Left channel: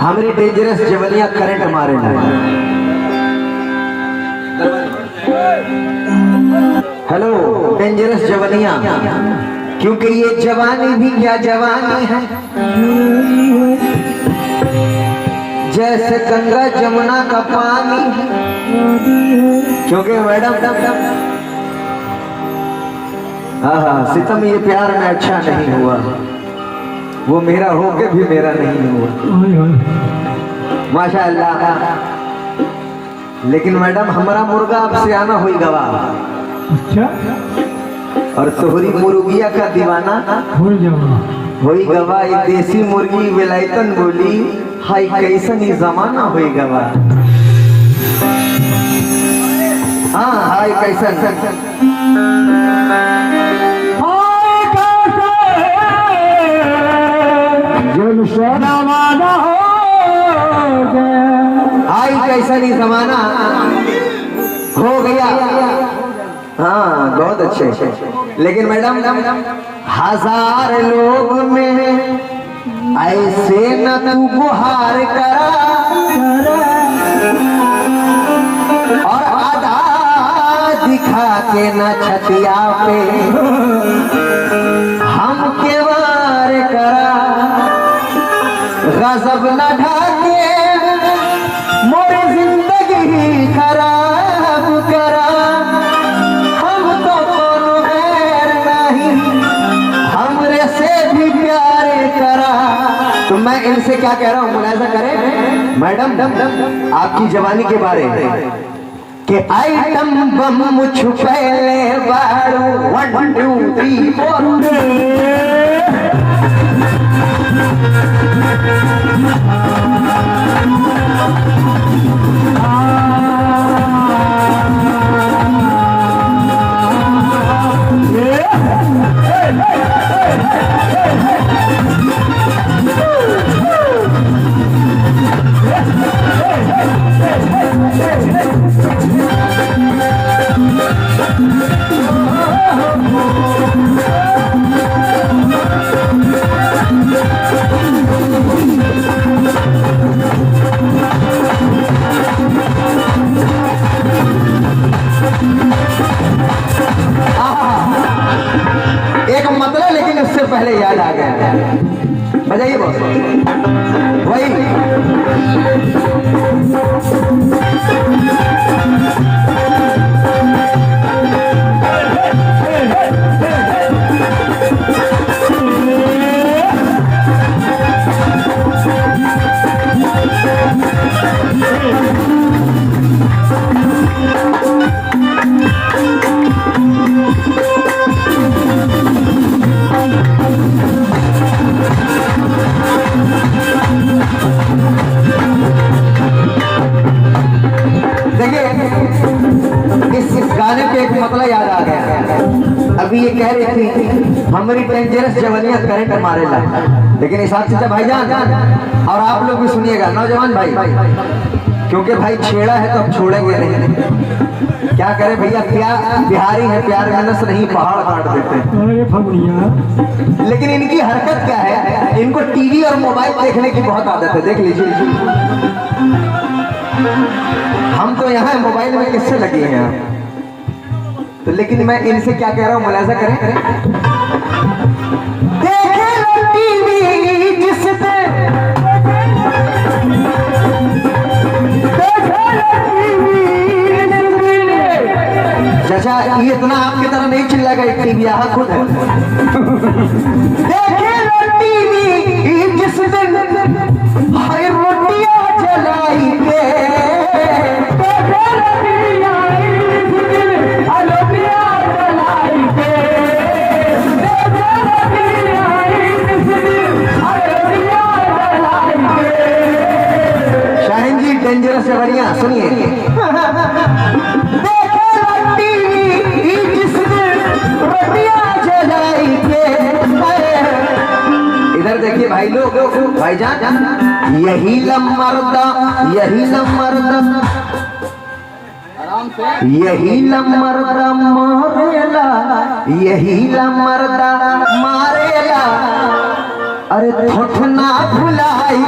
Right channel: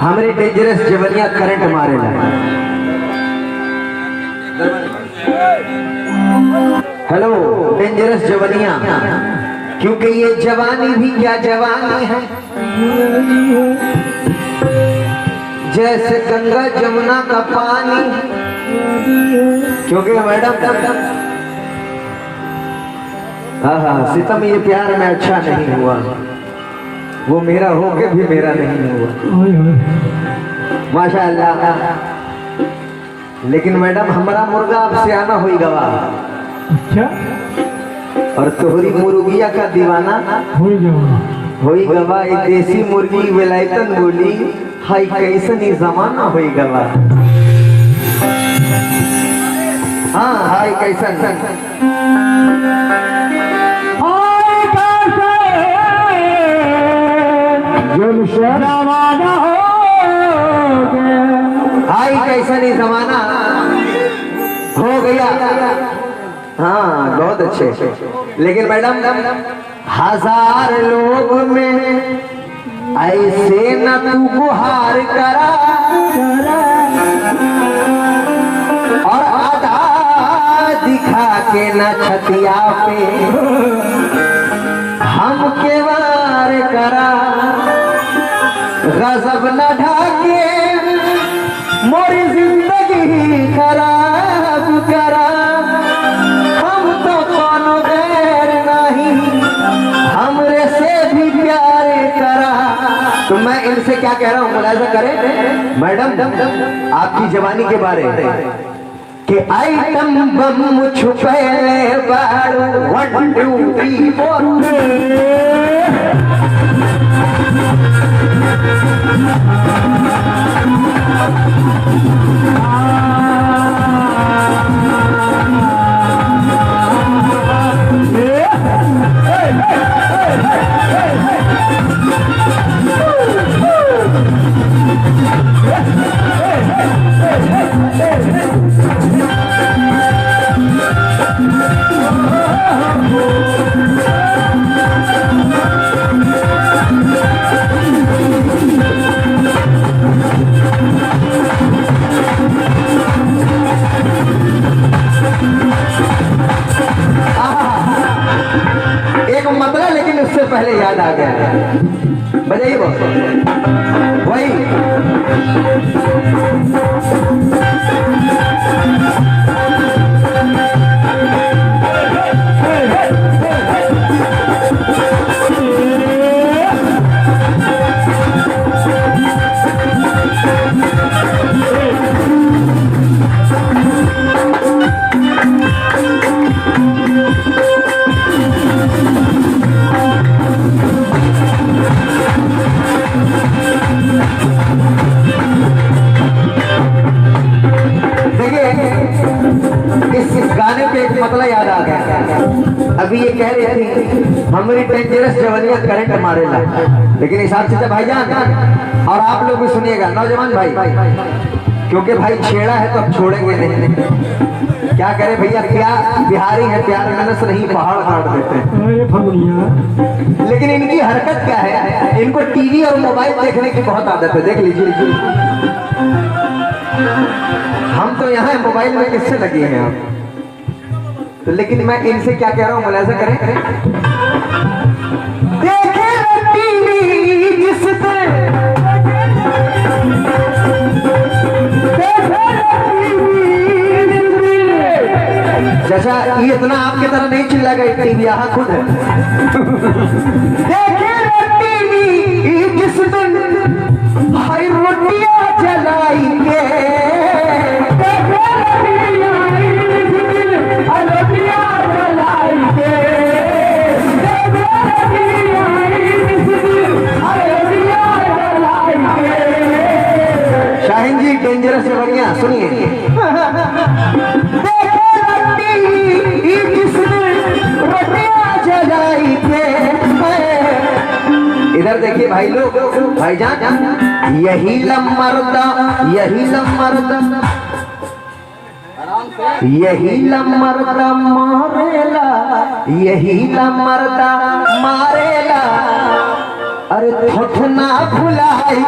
हमारे डेंजरस जवनिया करंट मारे हेलो डेंजरस जवनिया, क्योंकि ये जवानी भी क्या जवानी है, जैसे गंगा जमुना का पानी। क्योंकि मैडम हाँ सितम ये प्यार में अच्छा नहीं हुआ, वो मेरा होके भी मेरा नहीं हुआ। माशाअल्लाह। लेकिन मैडम हमारा मुर्गा अब सियाना हुई गवा। अच्छा। और तोहरी मुर्गिया का दीवाना हुई गवा। एक देसी मुर्गी विलायतन बोली, हाय कैसन ही जमाना हुई गवा। हाँ हाय कैसन हाय कैसा नहीं जमाना हो गया। हाँ बहुत अच्छे। लेकिन मैडम हजार लोग में ऐसे न तू गुहार करा, और आधा दिखा के न छतिया पे हम के वार करा। गजब न ढाके मोरी जिंदगी खराब करा। हम तो कौन गैर नहीं, हमरे से भी प्यारे करा। तो मैं इनसे क्या कह रहा हूँ, मुलाजा करें मैडम आपकी जवानी के बारे में कि आइटम बम छुपे बाड़ू 1 2 3 4। एक मतलब, लेकिन उससे पहले याद आ गया, बताइए बॉस भाई। अभी ये कह रही थी हमारी डेंजरस जवानिया करंट मारे ला, लेकिन हिसाब से भाईजान और आप लोग भी सुनिएगा नौजवान भाई, क्योंकि भाई छेड़ा है तो हम छोड़ेंगे नहीं। क्या करे भैया, क्या बिहारी है, प्यार मनस नहीं पहाड़ काट देते हैं। लेकिन इनकी हरकत क्या है, इनको टीवी और मोबाइल देखने की बहुत आदत है। देख लीजिए हम तो यहाँ मोबाइल में किससे लगे हैं। तो लेकिन मैं इनसे क्या कह रहा हूँ, मुलाजा करें। देखे टीवी जिससे चाचा ये इतना आपके तरह नहीं चिल्लाएगा, एक टीवी यहाँ खुद है। देखे टीवी जिस दिन भाई रोटियां जलाएंगे, शाहीन जी डेंजरस है बढ़िया सुनिए। इधर देखिए भाई लोग, भाईजान यही लमर्दा यही लमर्दा यही लमर्दा मारेला, यही लमर्दा मारेला, अरे ठोठना भुलाई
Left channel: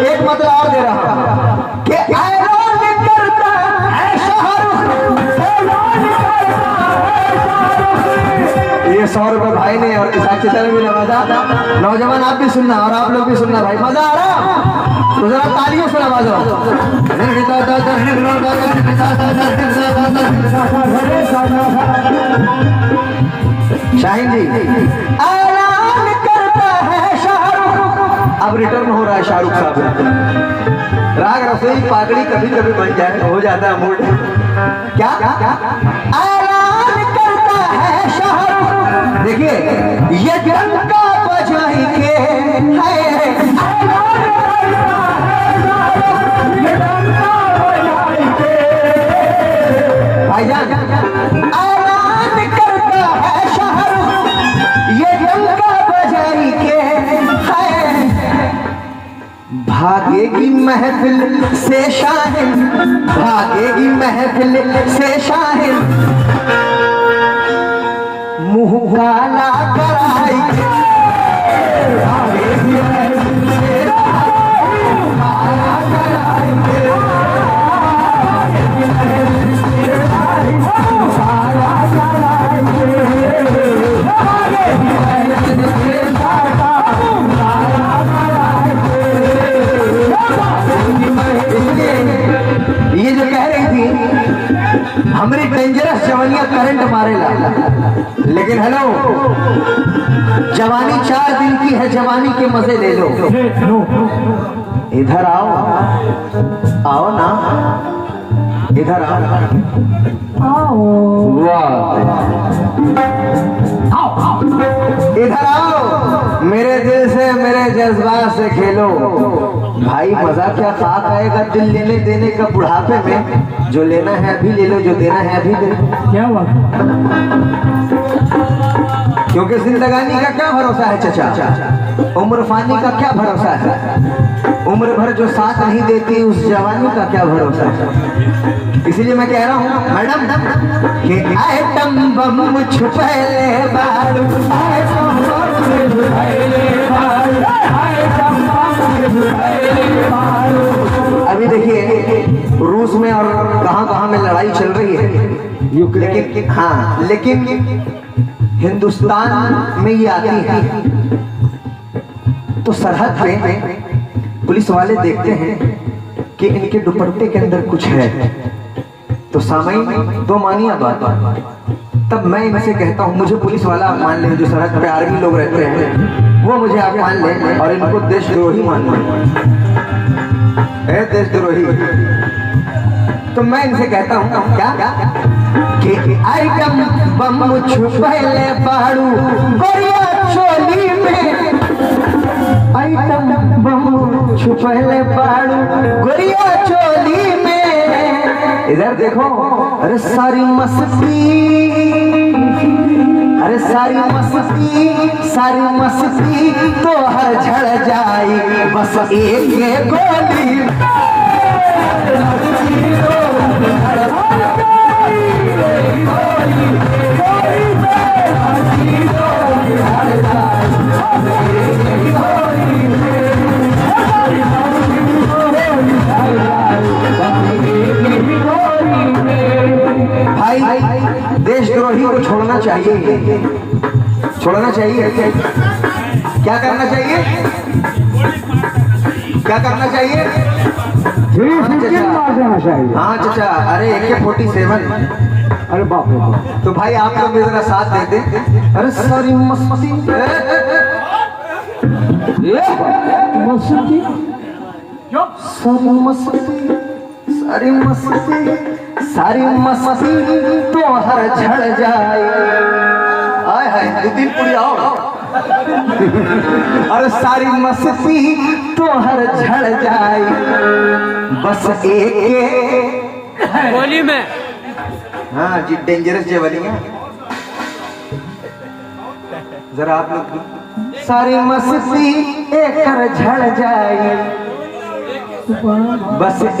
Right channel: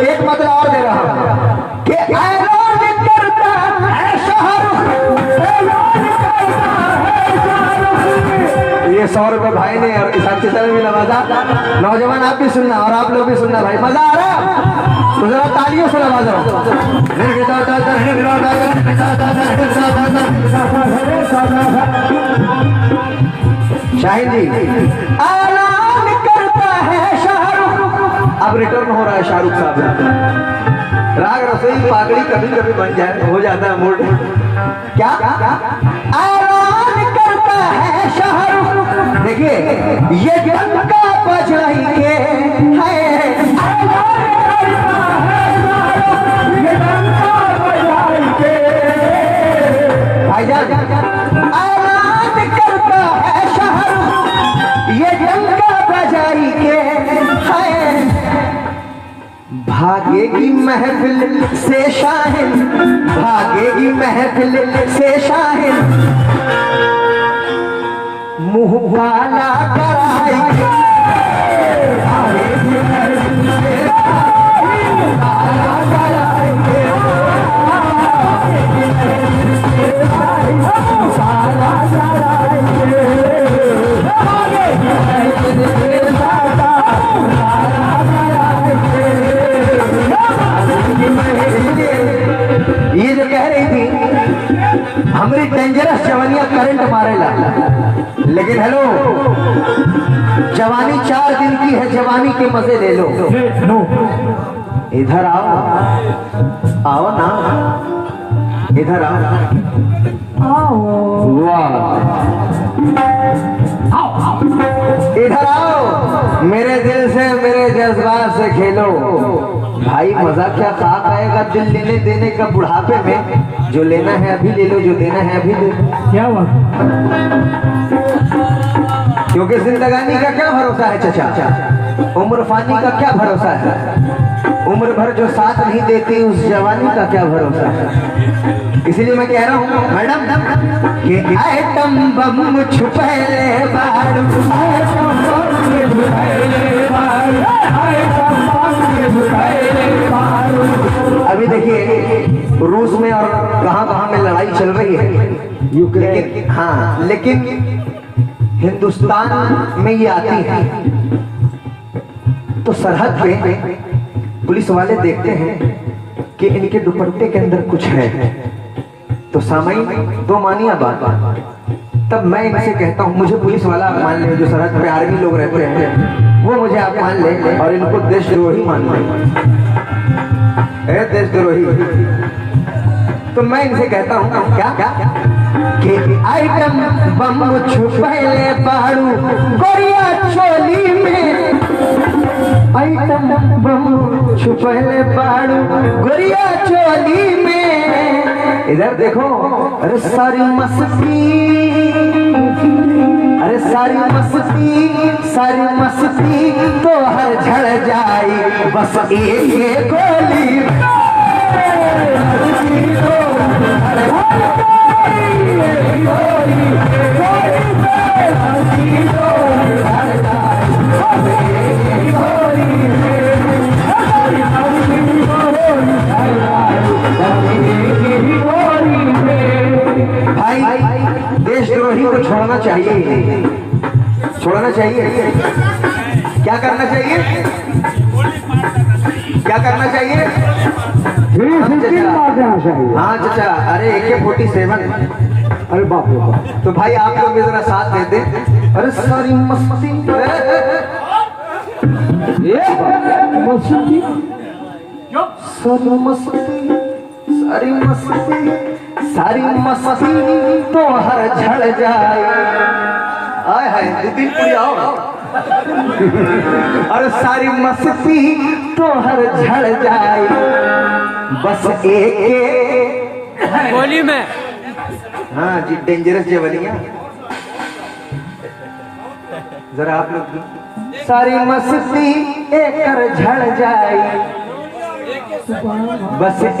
एक मतलब और दे रहा हूं कि करता है ये 100 रुपए भाई ने और हिसाब से चले भी नवाजा। नौजवान आप भी सुनना और आप लोग भी सुनना भाई, मजा आ रहा है तो जरा तालियों से नवाजो। शाहीन जी ऐलान करता है शाहरुख, अब रिटर्न हो रहा है शाहरुख साहब। राग रसोई पागड़ी कभी कभी बन जाए, हो जाता है मूड। क्या ऐलान करता है शाहरुख, देखिए ये डंका बजाएंगे भाईजान, ऐलान करता है शाहरुख ये डंका बजाएंगे भागेगी महफिल से शाहिन, भागेगी महफिल से शाहिन, मुंह काला कराएंगे भागेगी महफिल से शाहिन, काला कराएंगे भागेगी महफिल से शाहिन, काला कराएंगे भागेगी महफिल से ये जो कह रही थी हमारी डेंजरस जवानियां करंट मारेला, लेकिन हेलो जवानी 4 दिन की है, जवानी के मजे ले लो। इधर आओ, आओ ना, इधर आओ, इधर आओ, मेरे दिल से मेरे जज्बात से खेलो भाई। मजा क्या बात आएगा दिल लेने देने का बुढ़ापे में, जो लेना है अभी ले लो, जो देना है अभी दे दो। क्या बात, क्योंकि जिंदगानी का क्या भरोसा है चचा, उम्र फानी का क्या भरोसा है, उम्र भर जो साथ नहीं देती उस जवानी का क्या भरोसा है। इसलिए मैं कह रहा हूँ मैडम कि आइटम बम छुपैले बारू, अभी देखिए रूस में और कहां में लड़ाई चल रही है, लेकिन हाँ, लेकिन हिंदुस्तान में ये आती है तो सरहद पे पुलिस वाले देखते हैं कि इनके दुपट्टे के अंदर कुछ है, तो सामयिक दो मानिया बात, तब मैं इनसे कहता हूँ मुझे पुलिस वाला आप मान ले, जो सरहद पे आर्मी लोग रहते हैं वो मुझे आप मान ले और इनको देशद्रोही मान ले, देशद्रोही। तो मैं इनसे कहता हूँ क्या कि आइटम बम छुपैले बारू गोरिया चोली में, आइटम बम छुपैले बारू गोरिया चोली में, इधर देखो, अरे सारी मस्ती, अरे सारी मस्ती, सारी मस्ती तो हर झड़ जाए बस एक गोली, भाई देशद्रोही को छोड़ना चाहिए, छोड़ना चाहिए। क्या करना चाहिए, क्या करना चाहिए? हाँ चचा, अरे AK-47, अरे बाप रे बाप। तो भाई आप लोग जरा साथ दे दे। अरे सारी मस्ती, सारी मस्ती, सारी मस्ती, सारी मस्ती तो हर झड़ जाए, हाय हाय 2-3 पूरी आओ। अरे सारी मस्ती तो हर झड़ जाए बस एक गोली में। हाँ जी, डेंजरस जवानियां। जरा आप लोग सारी मस्ती एकर झड़ जाए बस एक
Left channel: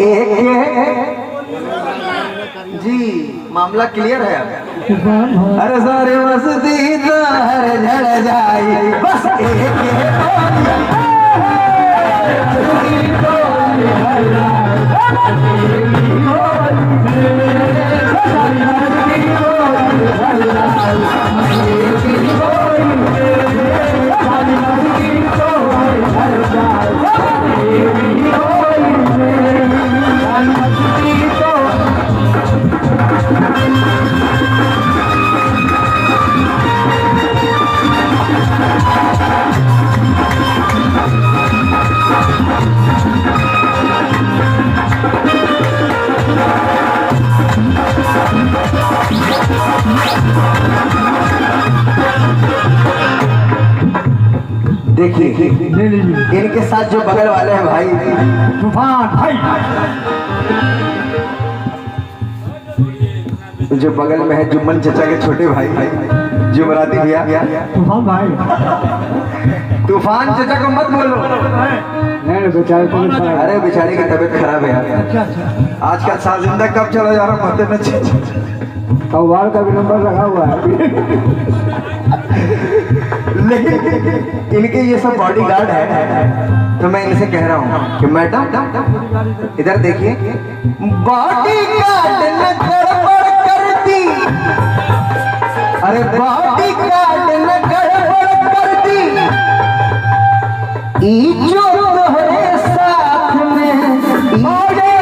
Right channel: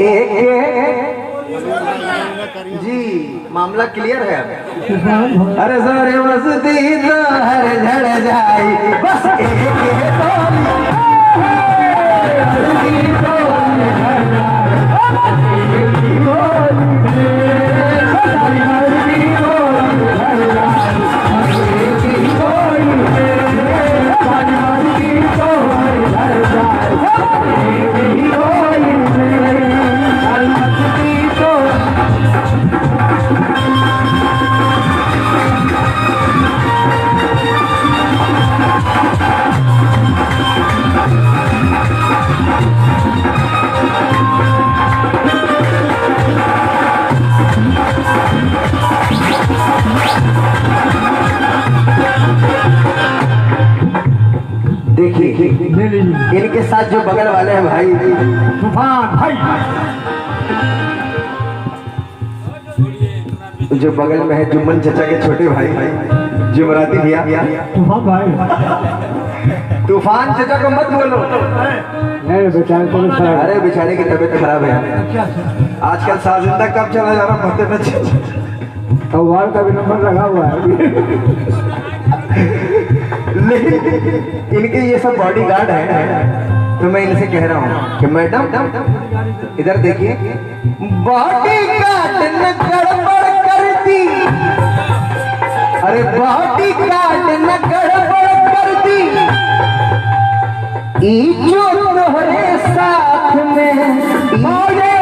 जी मामला क्लियर है। अरे सारे मस्ती तो हर झड़ जाए बस एक देखिए इनके साथ जो बगल वाले हैं भाई तूफान भाई, जो बगल में है जुम्मन चचा के छोटे भाई जुमराती भैया तूफान भाई। तूफान चचा को मत बोलो, बेचारे को अरे बेचारे की तबीयत खराब है आजकल। साजिंदा कब चला जा रहा पता न तो वार्ड का भी नंबर रखा हुआ है लेकिन इनके ये सब बॉडीगार्ड है तो मैं इनसे कह रहा हूँ कि मैडम इधर देखिए, बॉडीगार्ड ने गड़बड़ कर दी, अरे बॉडीगार्ड ने गड़बड़ कर दी, जो तोहरे साथ में तोहरे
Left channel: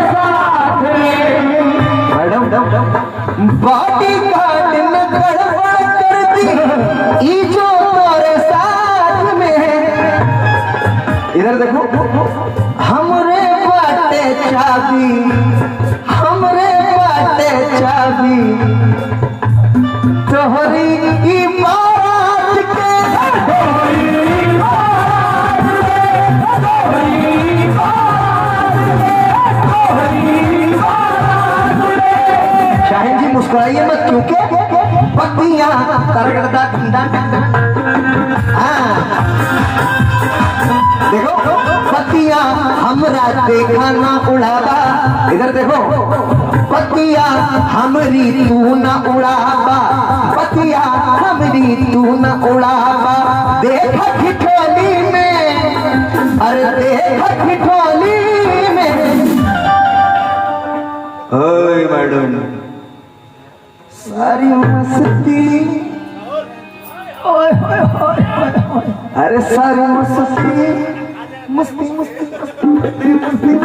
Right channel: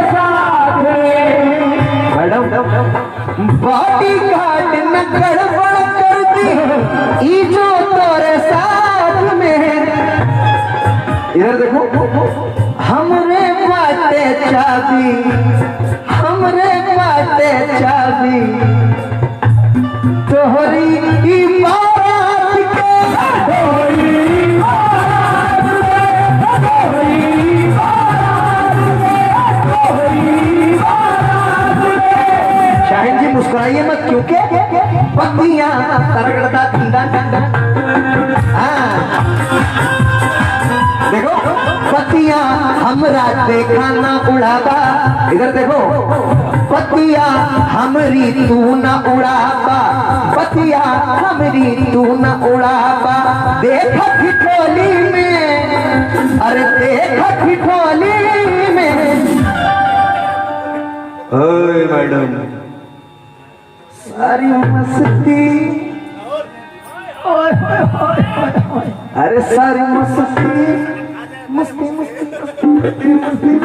साथ में मैडम बॉडीगार्ड ने गड़बड़ कर दी, जो तोहरे साथ में। इधर देखो, हमरे बाटे चाबी, हमरे बाटे चाबी तोहरी इमारत के, शाहिद जी मुस्कुराइए मत क्योंकि पत्तियां देखो पत्तियां हमरा देखा ना उड़ावा। इधर देखो पत्तियां हमरी तू ना उड़ावा, पत्तियां हमरी तू ना उड़ावा। देख ठिठोली में, अरे देख ठिठोली में। ओए मैडम सारी मस्ती, अरे सारी मस्ती मस्ती मस्ती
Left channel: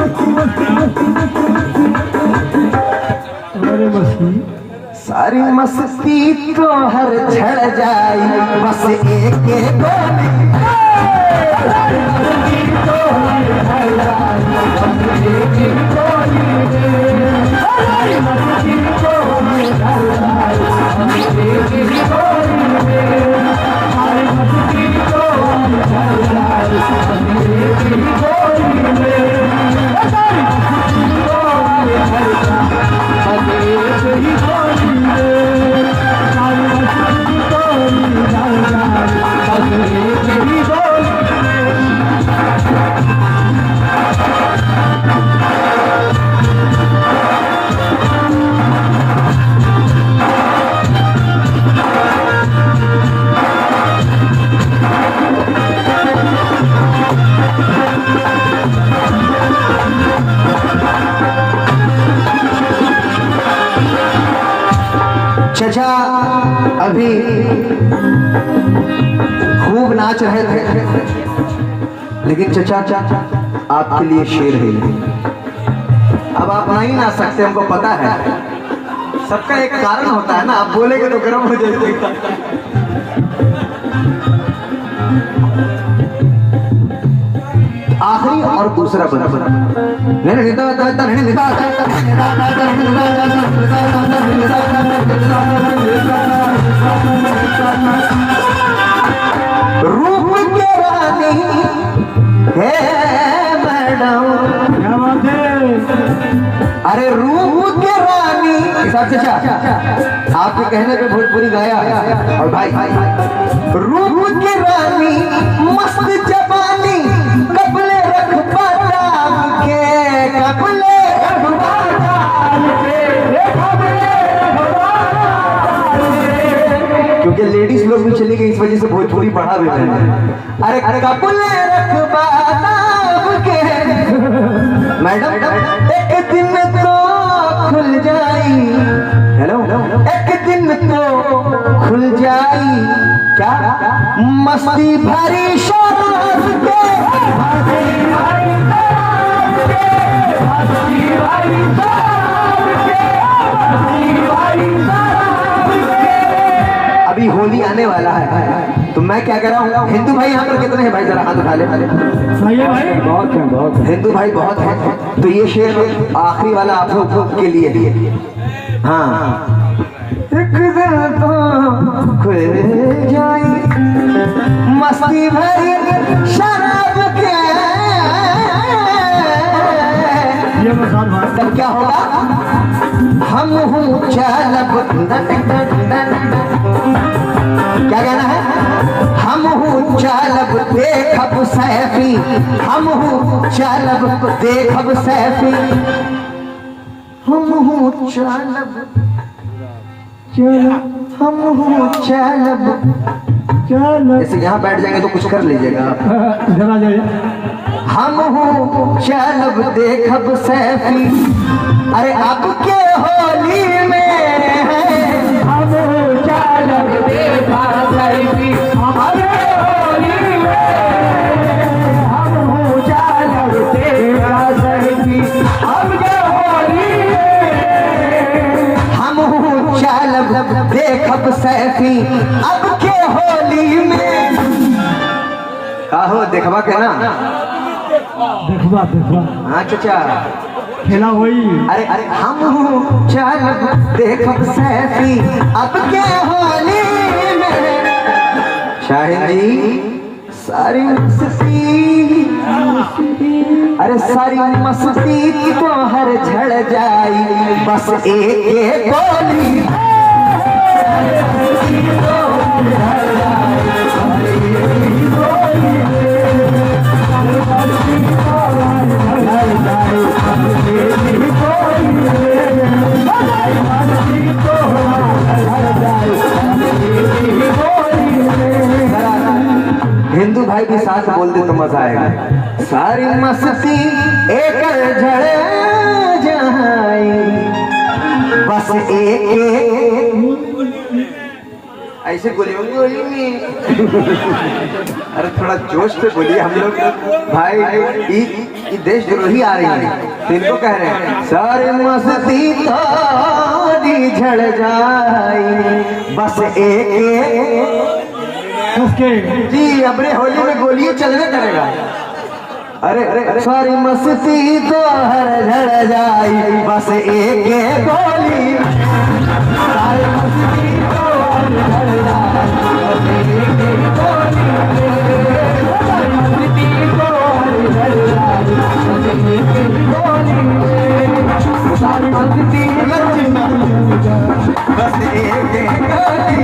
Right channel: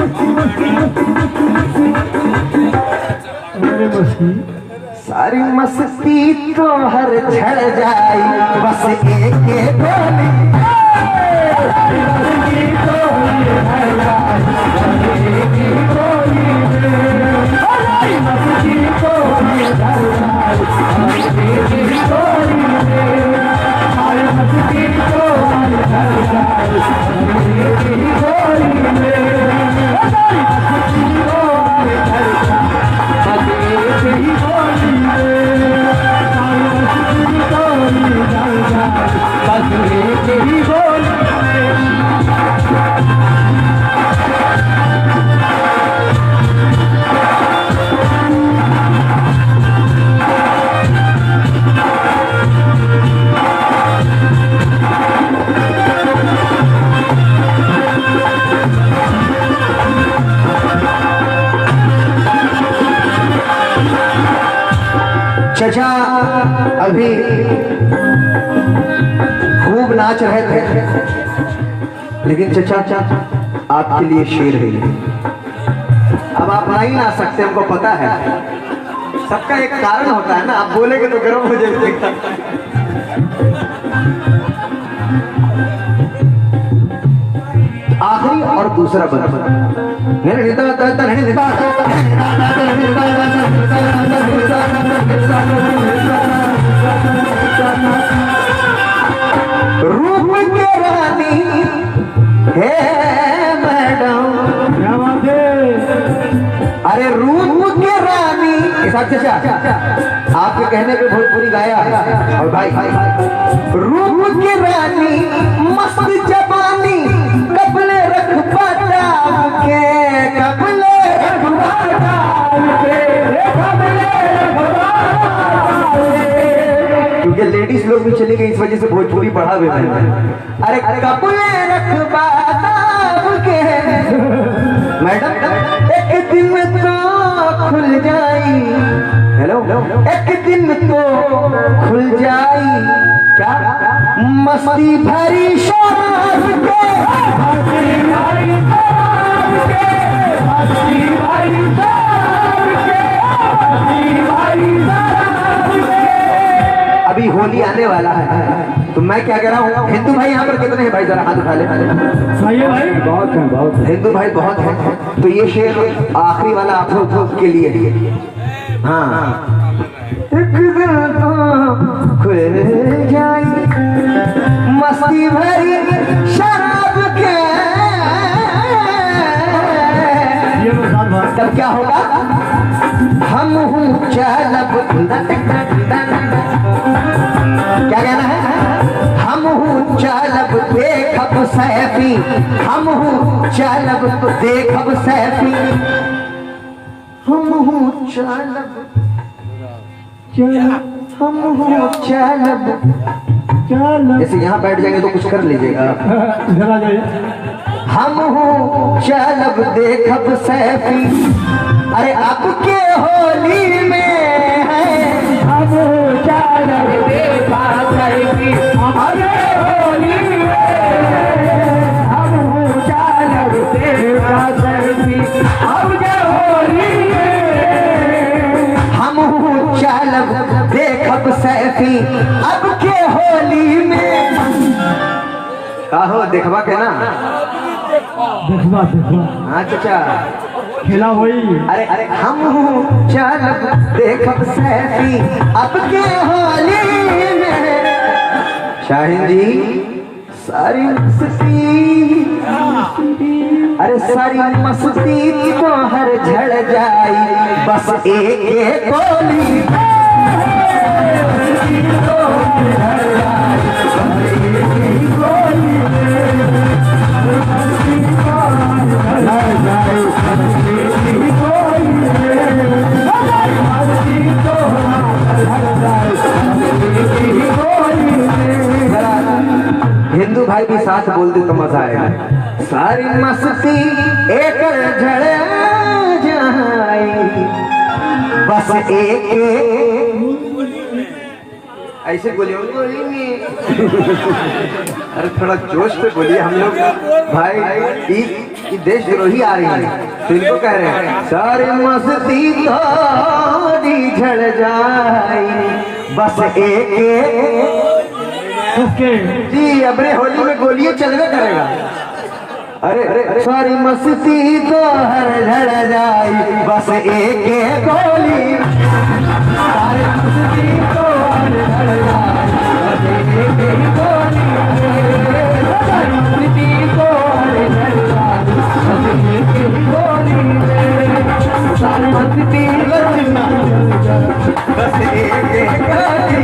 सारी मस्ती तो हर झड़ जाए बस एक बोले। चचा अभी खूब नाच रहे थे लेकिन चचा आपके लिए शेर है। अब आप आ ही ना सकते, हमको पता है। सबका एक कारण होता है ना, आप बोलेंगे तो गर्म हो जाएगा। आखिरी और दूसरा बंदा रूप के रानी है मैडम, अरे रूप के रानी चाचा आपके कहने पे भोजपुरी गाया। और भाई रूप की रानी मस्त जवानी कपले रख पाता के कपले क्योंकि लेडीज लोग भी चली गई इस वजह से भोजपुरी पढ़ा हुआ है। अरे कपले रख पाता के मैडम एक दिन तो खुल जाई। हेलो एक दिन तो खुल जाई क्या मस्ती भरी शराब के अभी होली आने वाला है तो मैं क्या कह रहा हूँ हिंदू भाई यहाँ पर कितने हैं भाई जरा हाथ उठा ले। बहुत है बहुत हिंदू भाई बहुत है। तो ये शेर आखिरी वाला आप लोग के लिए। हाँ एक दिन तो खुल जाई मस्ती भरी शराब के तब क्या होगा हम चालब क्या कहना है हम चालब देखब सैफी हम चालब देखब सैफी हम चालब हम चालब जैसे यहाँ बैठ जाएंगे तो कुछ कर लीजिएगा आप। हम चालब देखब सैफी अरे आपके होली में हम चालब देखब सैफी हमारे होली में हम चालब देखब सैफी हमके होली में हम चालब देखब सैफी अब के होली में काहो देखबा के ना देखबा हाँ चाचा खेला हुई। अरे हम चालब देखब सैफी अब के होली में शाहिद जी सारी मस्ती अरे सारी मस्ती तो हर झड़ जाई बस एक गोली हिंदू भाई भी साथ बोल दे तो मजा आएगा। सारी मस्ती एक झड़ जाए बस एक ऐसे बोलिए अरे थोड़ा जोश पे बोलिए हम लोग भाई देशद्रोही आ रही है तो इनको कह रहे हैं सारी मस्ती थोड़ी झड़ जाए बस एक जी अबरे होली में गोलियां चलने करेगा। अरे सारी मस्ती तो हर झड़ जाए बस एक गोली सारी मस्ती तो हर झड़ जाए बस एक गोली सारी मस्ती तो हर झड़ जाए बस एक गोली सारी मस्ती बस एक गोली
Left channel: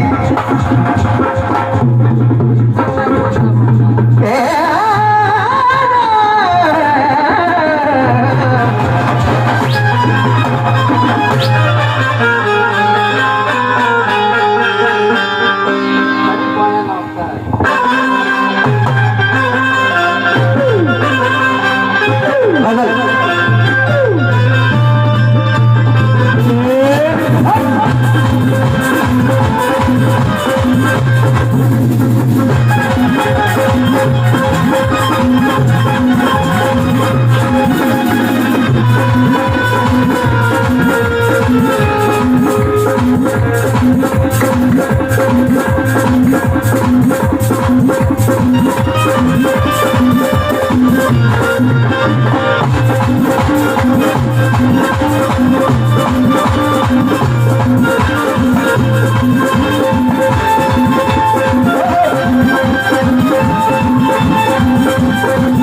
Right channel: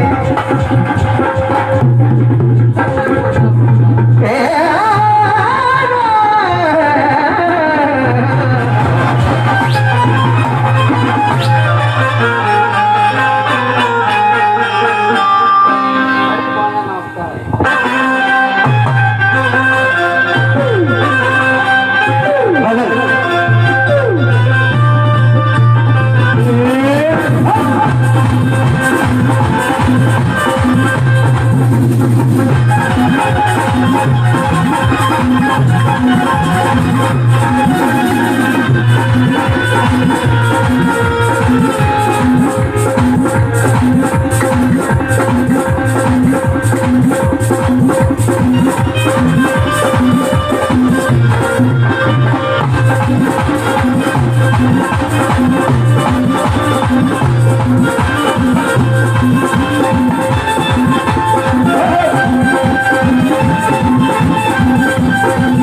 Thank you.